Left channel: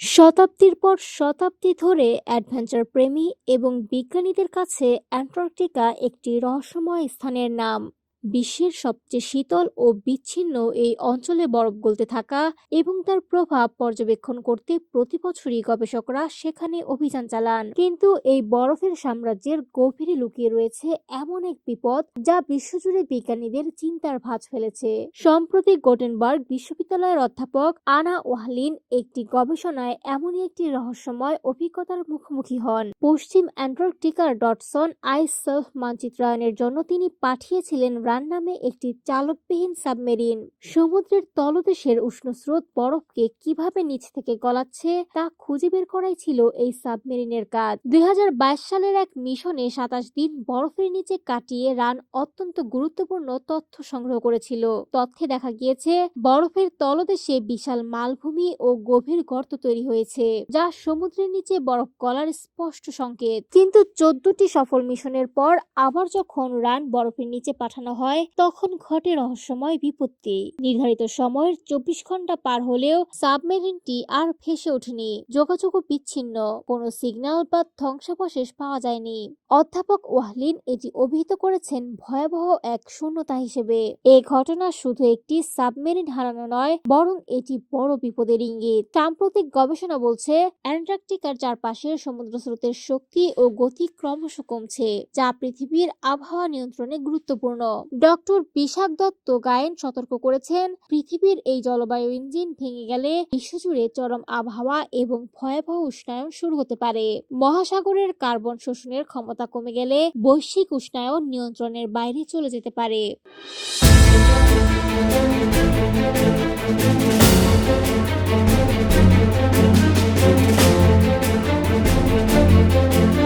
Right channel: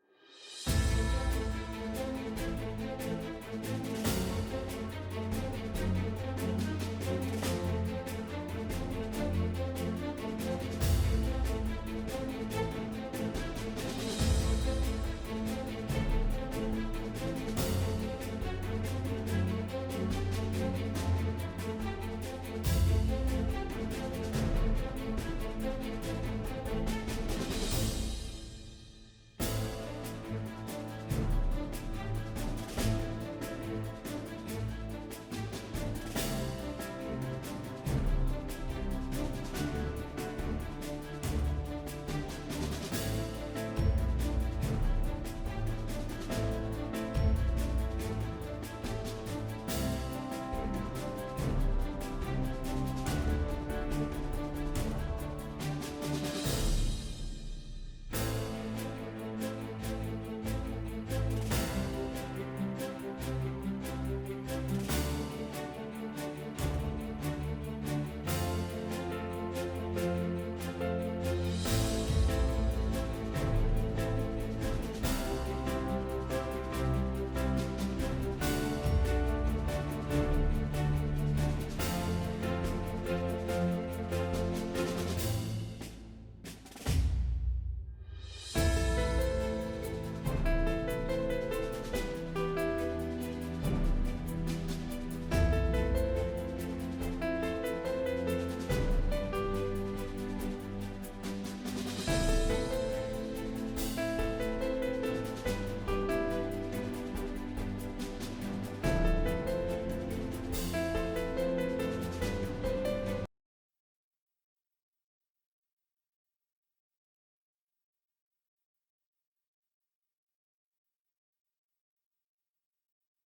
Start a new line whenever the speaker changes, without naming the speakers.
শতাব্দীর পর শতাব্দী ধরে অ্যাডভেঞ্চার প্রেমী এবং বিজ্ঞানীদের কাছে অ্যান্টার্কটিকা একটি রহস্যময় স্থানের নাম। বিশ্বের সবচেয়ে শীতল ও বিচ্ছিন্ন এই অঞ্চলে বরফ গলতে থাকা এবং তার প্রভাব পর্যবেক্ষণ করতে প্রতি বছরই গবেষকরা সেখানে অভিযান চালান। কিন্তু এই বরফের সাম্রাজ্যের গভীরে লুকিয়ে রয়েছে এমন এক বিপদ যা বিশ্বজুড়ে বিজ্ঞানীদের চিন্তার ভাঁজ ফেলেছে। সম্প্রতি গোটেনবার্গ বিশ্ববিদ্যালয়ের অধ্যাপক আনা ওয়াহলিন একটি গবেষণায় এমনই একটি রহস্যময় অভিজ্ঞতার মুখোমুখি হন। পশ্চিম অ্যান্টার্কটিকার ডটসন আইস সার্ফ মানচিত্রায়নের জন্য তিনি পাঠিয়েছিলেন রান নামে একটি চালকবিহীন সাবমেরিন। সমুদ্রের তলদেশের উষ্ণ স্রোত বরফকে কীভাবে নিচ থেকে গলাচ্ছে তা খুঁজে বের করাই ছিল এই সাবমেরিনের কাজ। দুই হাজার বাইশ সালের এক মিশনে সাতাশ দিন বরফের নিচে কাটিয়ে রান অত্যন্ত গুরুত্বপূর্ণ তথ্য সংগ্রহ করেছিল। তথ্যে দেখা গিয়েছে, বরফের তলদেশে বিশাল মালভূমি ও গভীর গর্ত তৈরি হয়েছে, যা সমুদ্রের নিচে বরফ গলার স্পষ্ট সংকেত। কিন্তু চোদ্দটি সফল মিশনের পর আবার যখন রান বরফের নিচে পাঠানো হয়, তখন ঘটে রহস্যময় বিপত্তি। নির্ধারিত সময়ের চব্বিশ ঘণ্টা পার হলেও সাবমেরিনটি আর ভেসে ওঠেনি। যোগাযোগও বিচ্ছিন্ন। কোনো সিগন্যাল বা ধ্বংসাবশেষ পাওয়া যায়নি। অধ্যাপক ওয়াহলিন এটি অভিহিত করেছেন ভয়াবহ এক শূন্যতা হিসেবে। এ ঘটনা শুধু একটি সাবমেরিন হারানো নয়, বরং এটি বড় বিপদের ইঙ্গিত। সাম্প্রতিক গবেষণা বলছে, অ্যান্টার্কটিকার চারপাশে সমুদ্র স্রোতের শক্তি ও গতি ক্রমশ কমছে, যা পৃথিবীর আবহাওয়া নিয়ন্ত্রণে গুরুত্বপূর্ণ। ডক্টর বিশাখ দত্ত গায়েন সতর্ক করেছেন, পৃথিবীর এই জলবায়ু ইঞ্জিন ভেঙে গেলে বিশ্বজুড়ে চরম আবহাওয়া এবং ভয়াবহ উষ্ণায়ন শুরু হতে পারে। মহাসাগরের কার্বন শোষণের ক্ষমতা কমে গেলে বৈশ্বিক উষ্ণায়ন নিয়ন্ত্রণের বাইরে চলে যেতে পারে।